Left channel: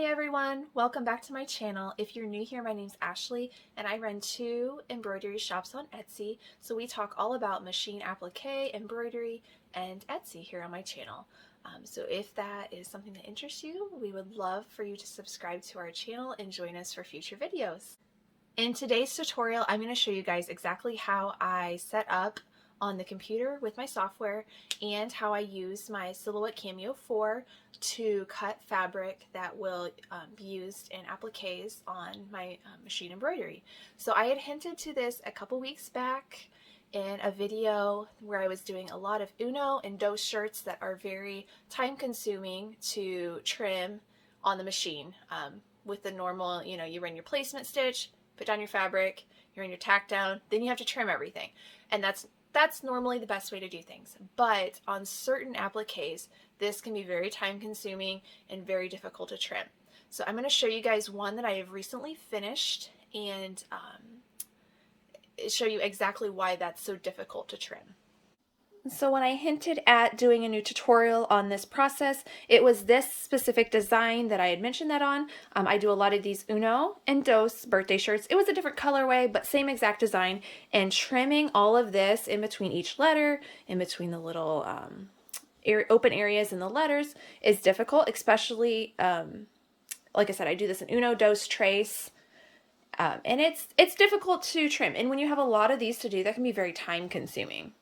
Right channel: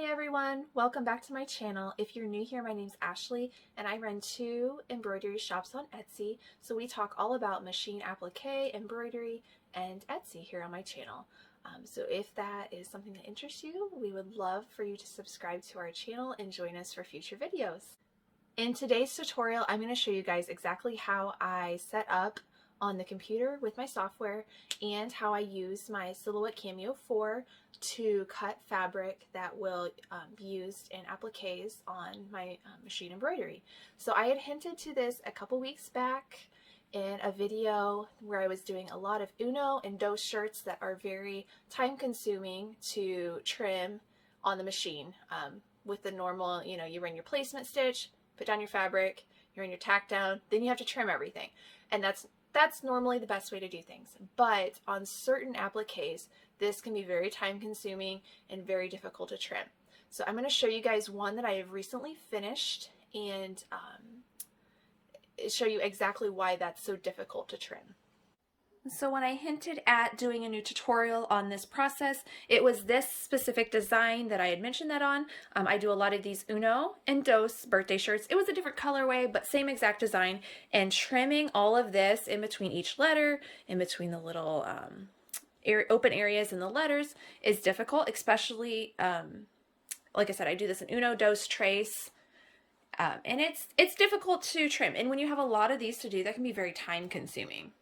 Hey everyone, welcome back to my channel. If you're new here, my name's Ashley and I run 2 embroidery shops on Etsy. So we talk all about machine applique, embroidery, and Etsy here on my channel. So if that is something that interests you, we would love for you to subscribe to our channel and join us for future videos. In today's tutorial, I'm going to show you guys exactly how I set up on the computer with my software and how I use my Silhouette Cameo 4 to cut fabric that will be used in appliques on my machine embroidery. So I had hinted to this a couple weeks back in a video where I was doing a lot of Uno and dos shirts that are very time consuming to trim on the machine. With the normal, you run your placement stitch, put down your fabric, you run your tack down, then you have to trim everything. And that's normally the best way to do things. But on certain appliques, this can be very time consuming and very difficult to trim. So I'm going to show you guys one that I have recently finished and show you exactly why that's so difficult to trim. So when I hinted at doing a new tutorial on this process, it was this specific design that I had mentioned that on. I do a lot of these Uno and Dos birthday shirts. It was a different colorway, but same exact design. And trimming all of this in between each letter, in between the little open areas in the letters is difficult, especially, like I said, I do this in Uno, Dos, Trace. And it's difficult to trim. And when you have a lot of these to do, that can be very time consuming.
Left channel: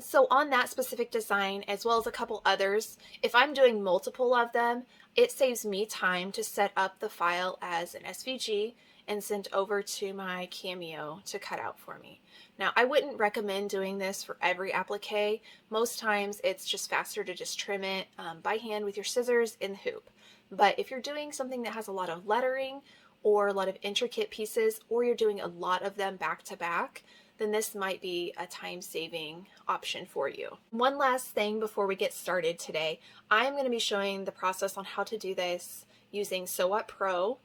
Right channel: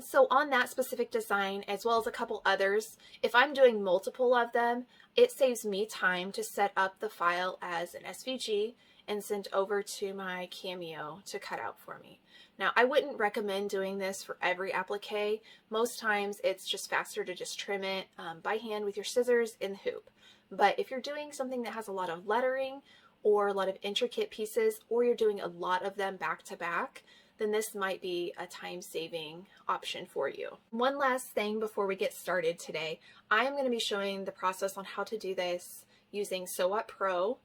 So on that specific design, as well as a couple others, if I'm doing multiple of them, it saves me time to set up the file as an SVG and send over to my Cameo to cut out for me. Now, I wouldn't recommend doing this for every applique. Most times it's just faster to just trim it by hand with your scissors in the hoop. But if you're doing something that has a lot of lettering or a lot of intricate pieces, or you're doing a lot of them back to back, then this might be a time-saving option for you. One last thing before we get started today, I'm going to be showing the process on how to do this using Silhouette Pro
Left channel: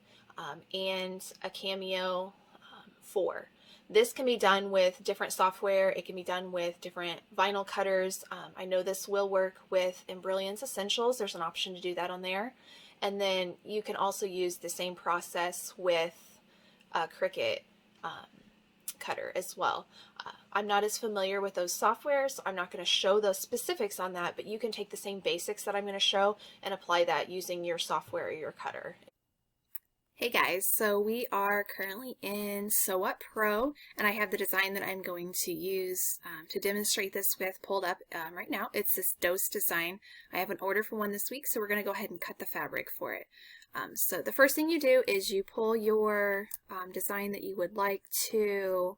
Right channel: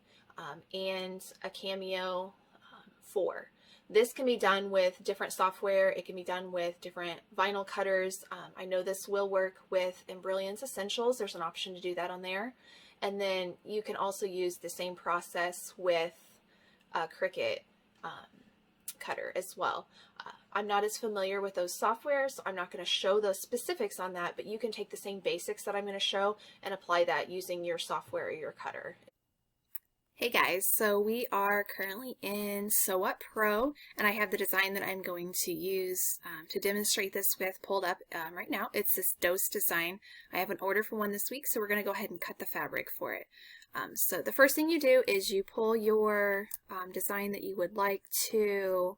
and a Cameo 4. This can be done with different software. It can be done with different vinyl cutters. I know this will work with Brilliance Essentials. There's an option to do that on there. And then you can also use the same process with Cricut cutter as well. I'm not as familiar with those softwares, so I'm not going to show those specifics on that, but you can take the same basics that I'm going to show and apply that using your software or your cutter. Hey guys, so we are currently in Silhouette Pro, and I have the design that I'm going to use to demonstrate this with pulled up right now. It's this Dos design. I have an order for one this week, so we're going to go ahead and cut the fabric for it. So the first thing you do is you pull your design that you would like to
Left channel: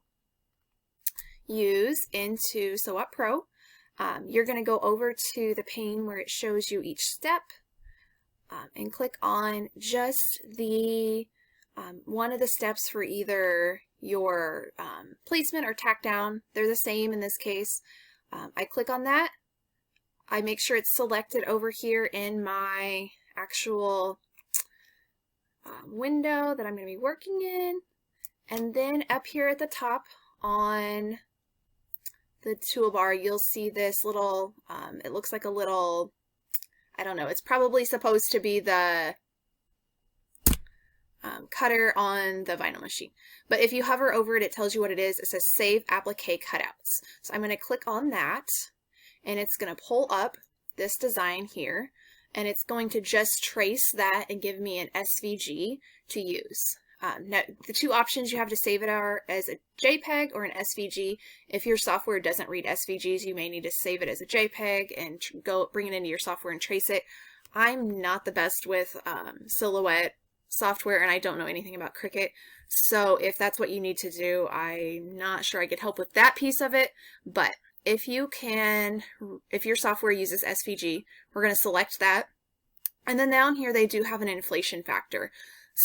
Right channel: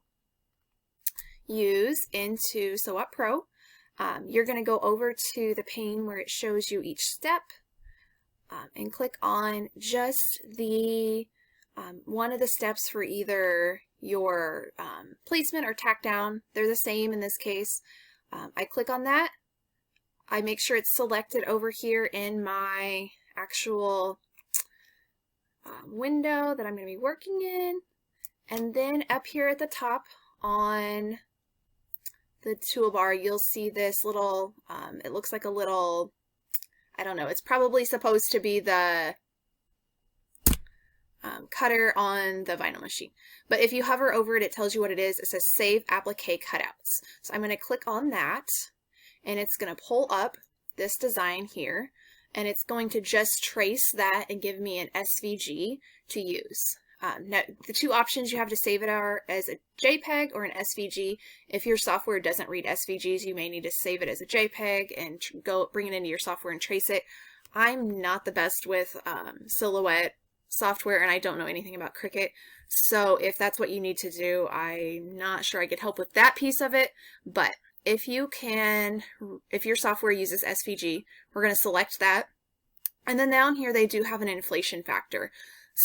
use into Silhouette Pro. You're going to go over to the pane where it shows you each step and click on just the one of the steps for either your placement or tack down. They're the same in this case. I click on that. I make sure it's selected over here in my actual window that I'm going to be working in, and then up here at the top on the toolbar you'll see this little it looks like a little, I don't know, it's probably supposed to be the cutter on the vinyl machine, but if you hover over it, it tells you what it is. It says Save Applique Cutouts. So I'm going to click on that, and it's going to pull up this design here, and it's going to just trace that and give me an SVG to use. Now, the two options you have to save it are as a JPEG or an SVG. If your software doesn't read SVGs, you may need to save it as a JPEG and bring it into your software and trace it. I'm not the best with Silhouette software, and I don't know anything about Cricut. So if that's what you need to do, I'm not sure I could help with that piece of it. But if you can, if your software uses SVG, we're going to select that. And then down here, they do have an inflation factor.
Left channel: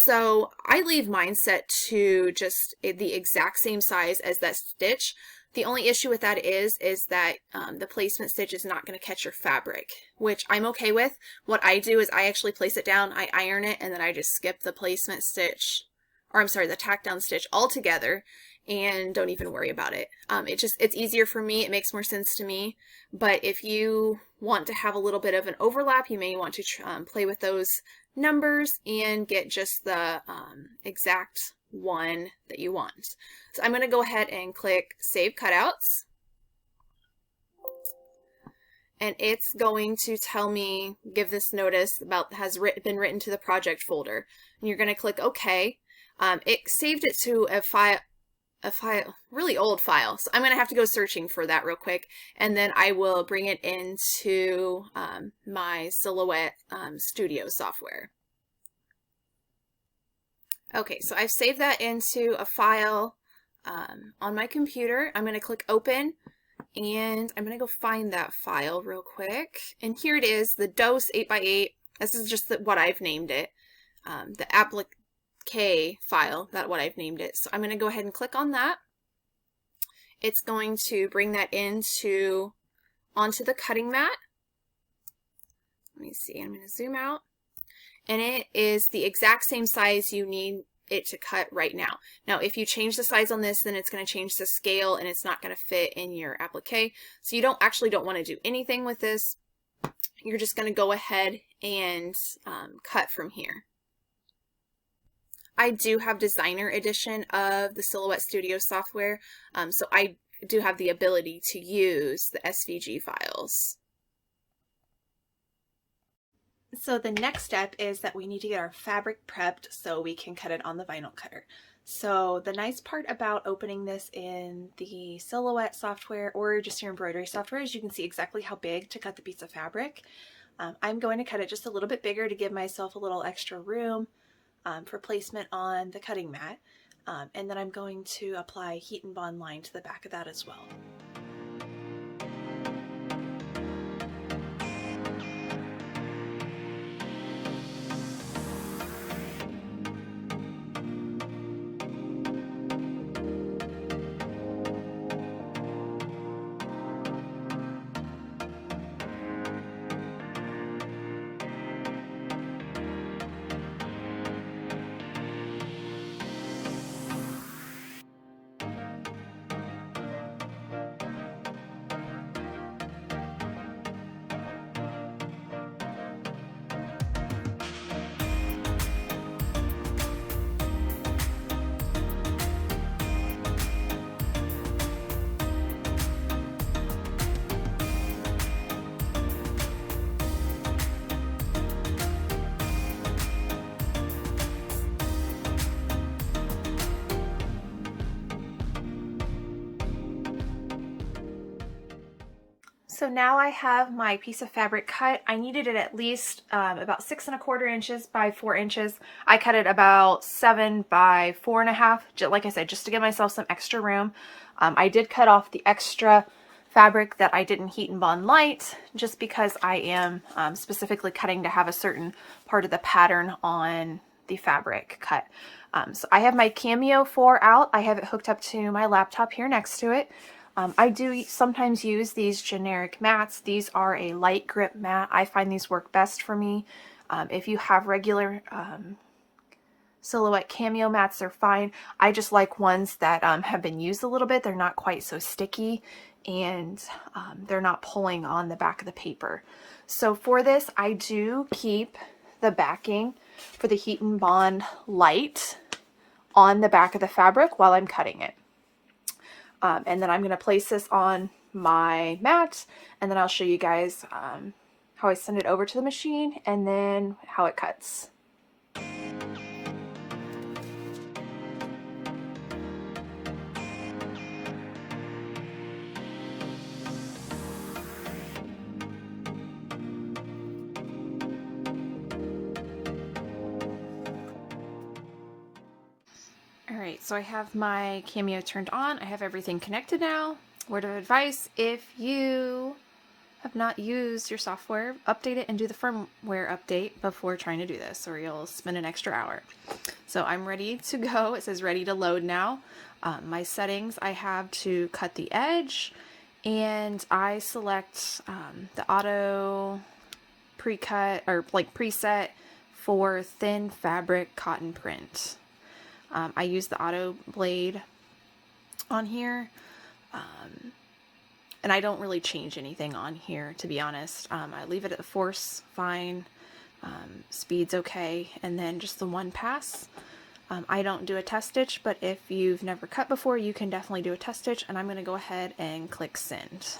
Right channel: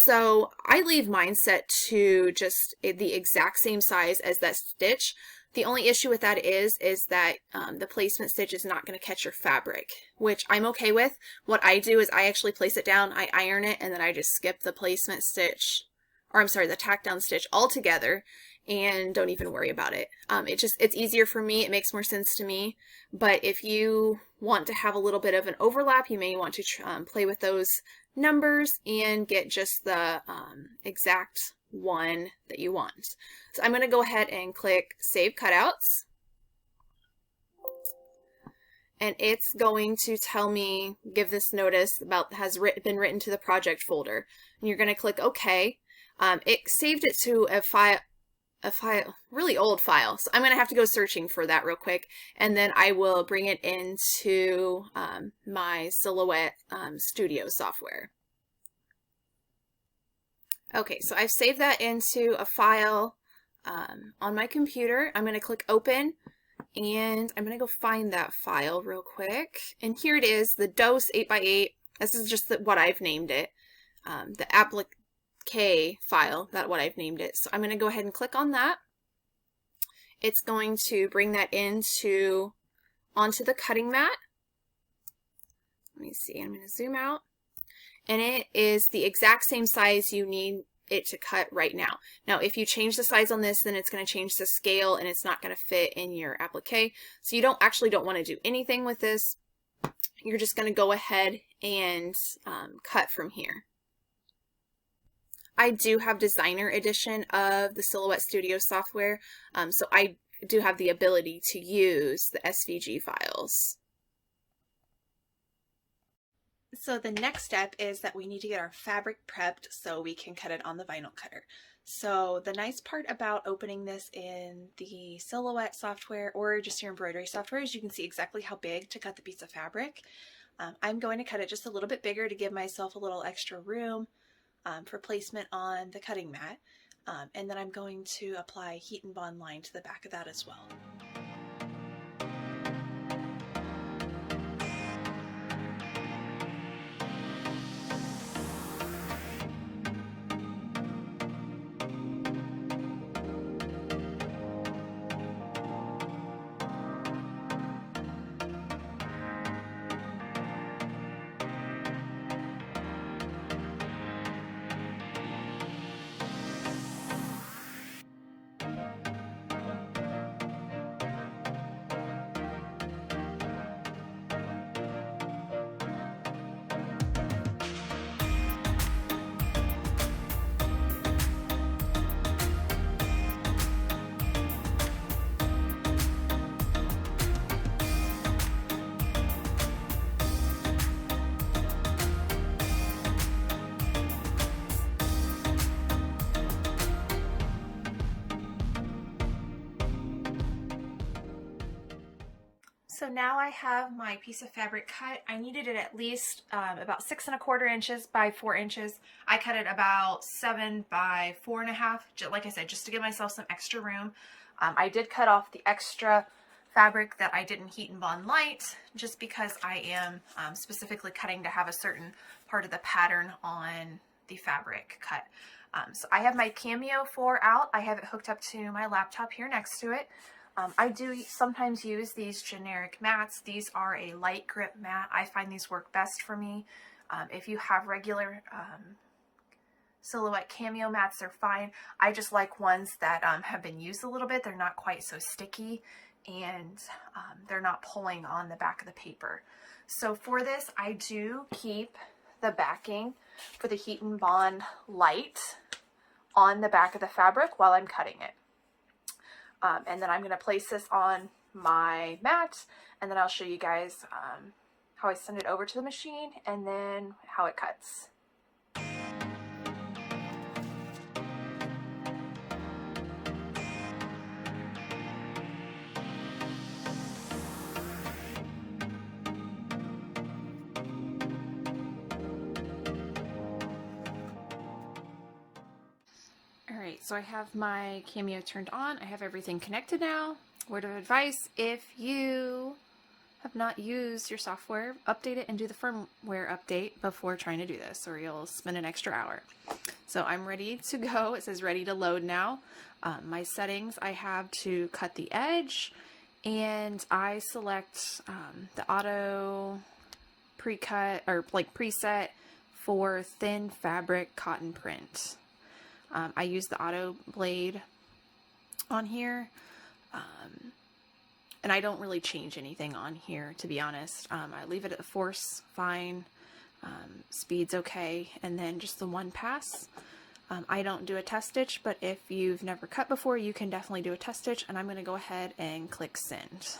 So I leave mine set to just the exact same size as that stitch. The only issue with that is that the placement stitch is not going to catch your fabric, which I'm okay with. What I do is I actually place it down, I iron it, and then I just skip the placement stitch, or I'm sorry, the tack down stitch altogether, and don't even worry about it. It's easier for me. It makes more sense to me. But if you want to have a little bit of an overlap, you may want to play with those numbers and get just the exact one that you want. So I'm going to go ahead and click Save Cutouts. And it's going to tell me, give this notice about has been written to the project folder. And you're going to click OK. It saved it to a really old file. So I'm going to have to go searching for that real quick. And then I will bring it into my Silhouette Studio software. Okay, so I've saved that into a file on my computer. I'm going to click Open. And I'm going to go find that file real quick. And here it is, the DOS 8x8. This is just what I've named it. The Applique file, that's what I've named it. So I'm going to go ahead and click on that. It's going to bring that onto the cutting mat. Let me see, I'm going to zoom out. And it is the exact same size you need it to cut right now. Now, if you change the size on this, then it's going to change the scale and it's not going to fit in your applique. So you don't want to do anything with this. You're just going to go ahead and cut from here. I do have Designer Edition of the Silhouette Studio software, so I do have the ability to use the SVG files. So the next step is that we need to get our fabric prepped so we can cut it on the vinyl cutter. So the nice part about opening this in the Silhouette software or just your embroidery software is you can see exactly how big to cut the piece of fabric. I'm going to cut it just a little bit bigger to give myself a little extra room for placement on the cutting mat. And then I'm going to apply heat and bond line to the back of that as well. So now I have my piece of fabric cut. I needed it at least about 6 1/4 inches by 4 inches. I cut it about 7 by 4 1/2. Like I said, just to give myself some extra room. I did cut off the extra fabric that I didn't heat and bond light, just because I am specifically cutting to have a certain part of the pattern on the fabric cut. So I have my Cameo 4 out. I have it hooked up to my laptop here next to it. I do sometimes use these generic mats. These are a light grip mat. I find these work best for me. If you have regular Silhouette Cameo mats, they're fine. I just like ones that have been used a little bit. They're not quite so sticky and they're not pulling on the back of the paper. So for this, I do keep the backing for the heat and bond light on the back of the fabric while I'm cutting it. And then I'm going to place this on my mat, and then I'll show you guys how I send it over to the machine and then how it cuts. Alright, so I have my Cameo turned on. I have everything connected now. Word of advice, if you have not used your software, update it and do the firmware update before trying to do this, or you'll spend an extra hour. So I'm ready to go. It says ready to load now. My settings, I have to cut the edge, and I select the auto pre-cut, or like preset for thin fabric cotton print. I use the auto blade on here, and I don't really change anything on here, to be honest. I leave it at the force fine. speed's okay, and then just the one pass. I don't do a test stitch, but if you've never cut before, you can definitely do a test stitch, and I'm going to go ahead and click send.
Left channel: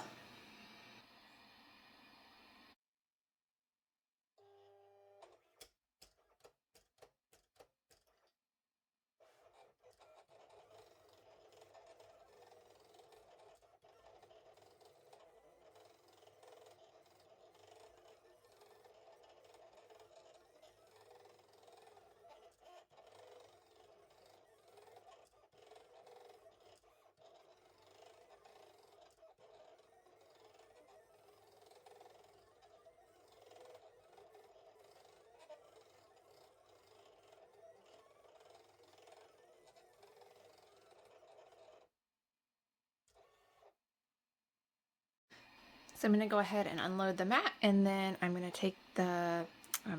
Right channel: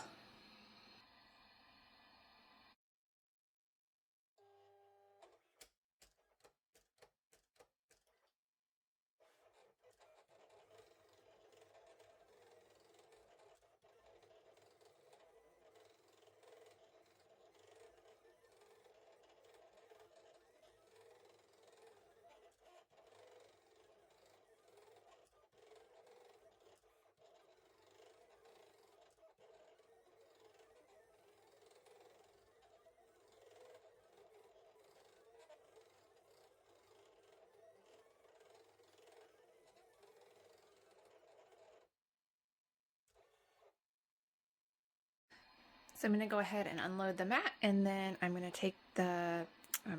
So I'm going to go ahead and unload the mat, and then I'm going to take the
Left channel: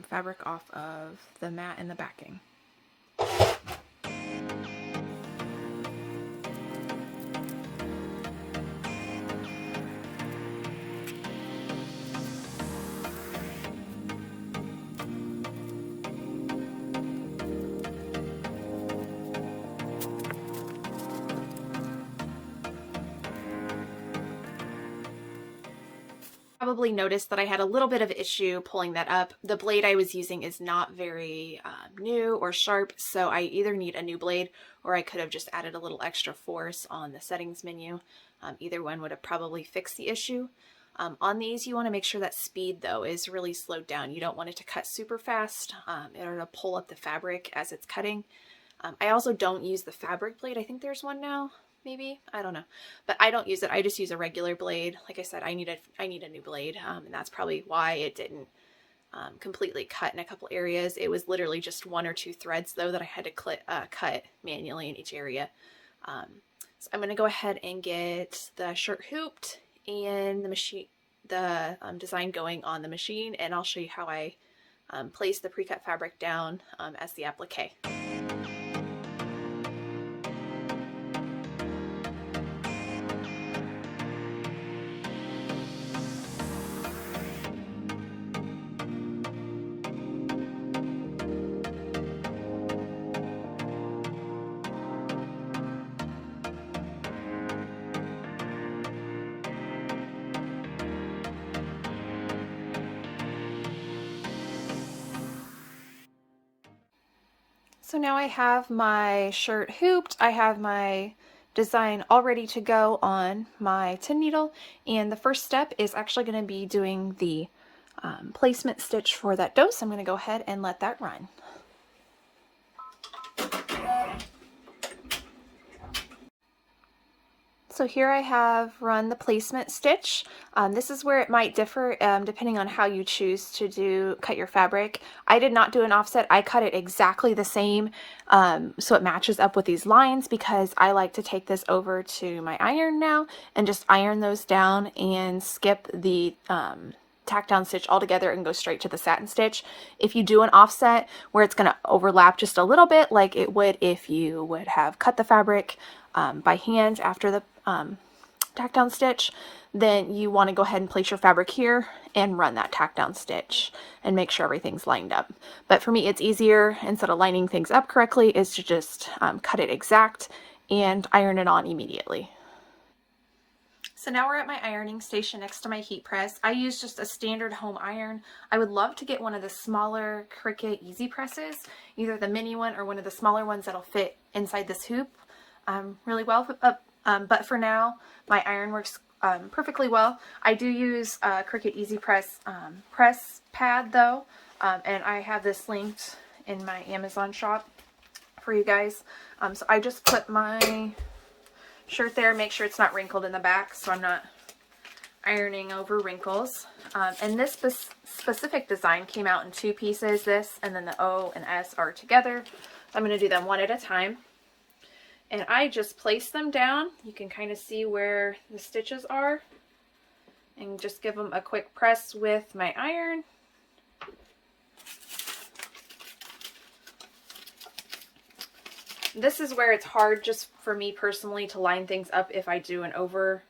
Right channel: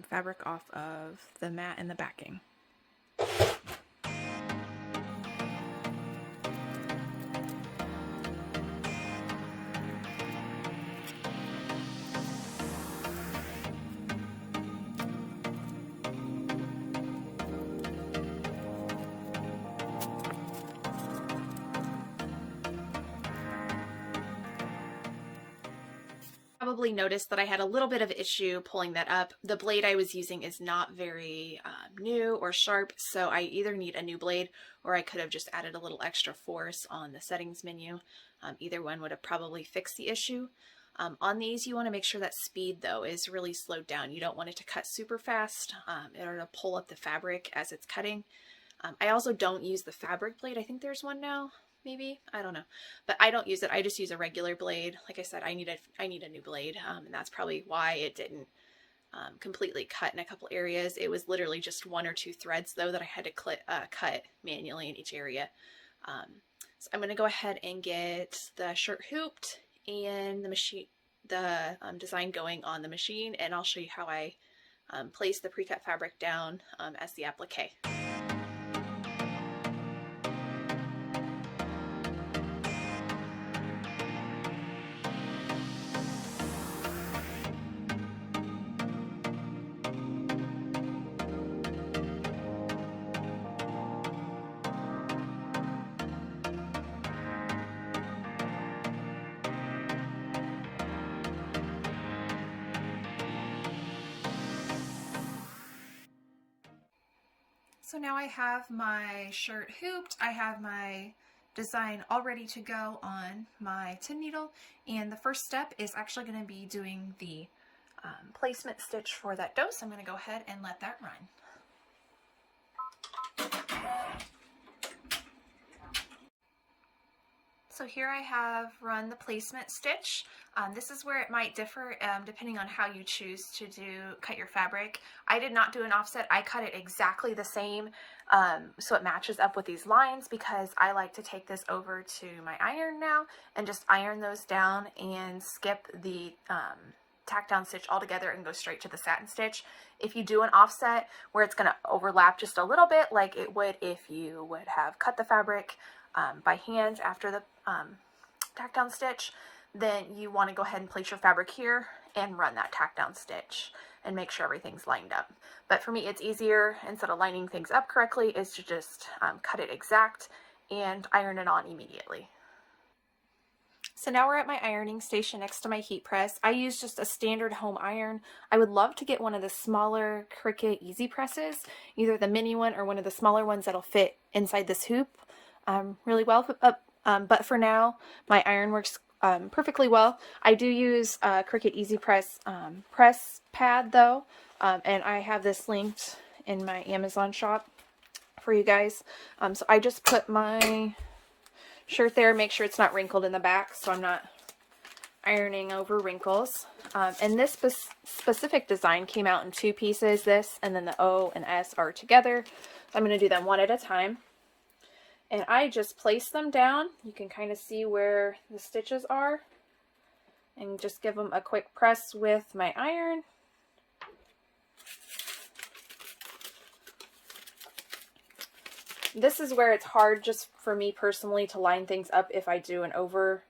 fabric off of the mat and the backing. Probably noticed that I had a little bit of issue pulling that up. The blade I was using is not very new or sharp, so I either need a new blade or I could have just added a little extra force on the settings menu. Either one would have probably fixed the issue. On these, you want to make sure that speed, though, is really slowed down. You don't want it to cut super fast in order to pull up the fabric as it's cutting. I also don't use the fabric blade. I think there's one now. Maybe, I don't know, but I don't use it. I just use a regular blade. Like I said, I need a new blade, and that's probably why it didn't completely cut in a couple areas. It was literally just one or two threads though that I had to cut manually in each area. So I'm going to go ahead and get the shirt hooped and the design going on the machine, and I'll show you how I place the pre-cut fabric down as the applique. So now I have my shirt hooped, I have my design all ready to go on my 10 needle, and the first step is actually going to be doing the placement stitch for that dose. I'm going to go ahead and let that run. So here I have run the placement stitch. This is where it might differ depending on how you choose to cut your fabric. I did not do an offset. I cut it exactly the same so it matches up with these lines, because I like to take this over to my iron now and just iron those down and skip the tack down stitch altogether and go straight to the satin stitch. If you do an offset where it's going to overlap just a little bit like it would if you would have cut the fabric by hand after the tack down stitch, then you want to go ahead and place your fabric here and run that tack down stitch and make sure everything's lined up. But for me, it's easier, instead of lining things up correctly, is to just cut it exact and iron it on immediately. So now we're at my ironing station next to my heat press. I use just a standard home iron. I would love to get one of the smaller Cricut easy presses, either the mini one or one of the smaller ones that'll fit inside this hoop really well. But for now, my iron works perfectly well. I do use Cricut Easy Press press pad though, and I have this linked in my Amazon shop for you guys. So I just put my shirt there, make sure it's not wrinkled in the back so I'm not ironing over wrinkles. And this specific design came out in two pieces, this and then the O and S are together. I'm going to do them one at a time. And I just place them down. You can kind of see where the stitches are. And just give them a quick press with my iron. This is where it's hard just for me personally to line things up if I do an over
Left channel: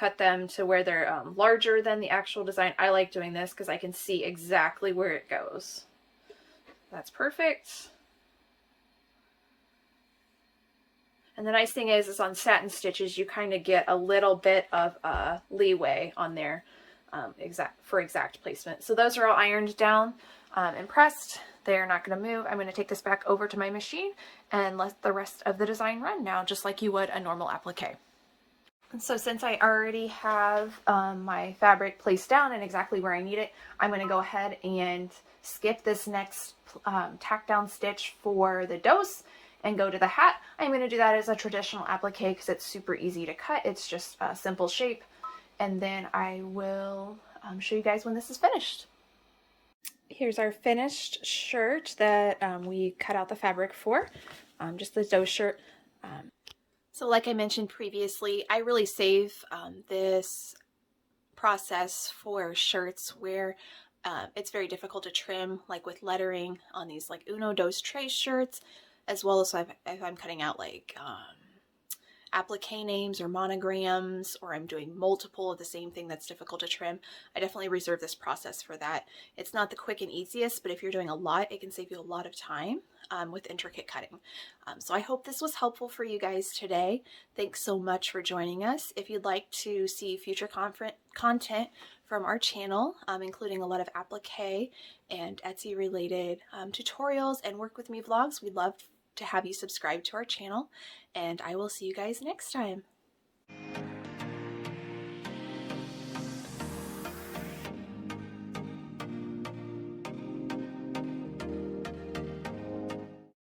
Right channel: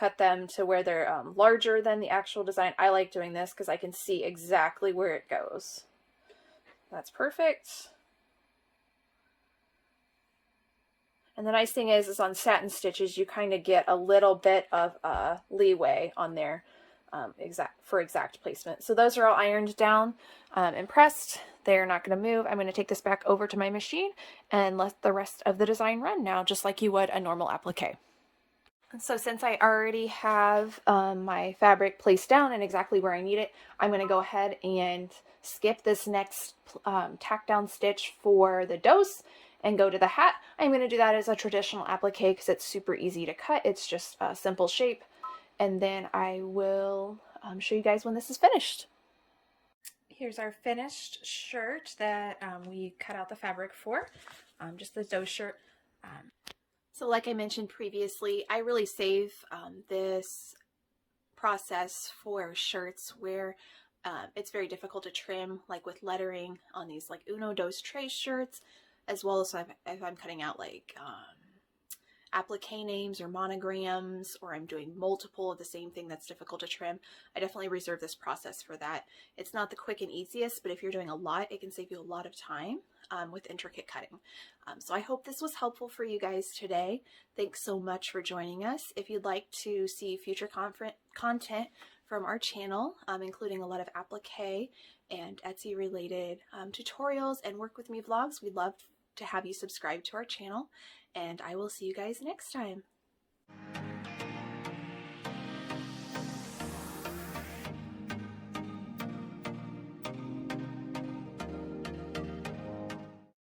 cut them to where they're larger than the actual design. I like doing this because I can see exactly where it goes. That's perfect. And the nice thing is on satin stitches, you kind of get a little bit of leeway on there for exact placement. So those are all ironed down and pressed. They're not going to move. I'm going to take this back over to my machine and let the rest of the design run now, just like you would a normal applique. And so since I already have my fabric placed down and exactly where I need it, I'm going to go ahead and skip this next tack down stitch for the dose and go to the hat. I'm going to do that as a traditional applique because it's super easy to cut. It's just a simple shape. And then I will show you guys when this is finished. Here's our finished shirt that we cut out the fabric for, just the dose shirt. So like I mentioned previously, I really save this process for shirts where it's very difficult to trim, like with lettering on these like Uno, Dos, Tres shirts, as well as if I'm cutting out like applique names or monograms, or I'm doing multiple of the same thing that's difficult to trim. I definitely reserve this process for that. It's not the quick and easiest, but if you're doing a lot, it can save you a lot of time with intricate cutting. So I hope this was helpful for you guys today. Thanks so much for joining us. If you'd like to see future content from our channel, including a lot of applique and Etsy related tutorials and work with me vlogs, we'd love to have you subscribe to our channel, and I will see you guys next time.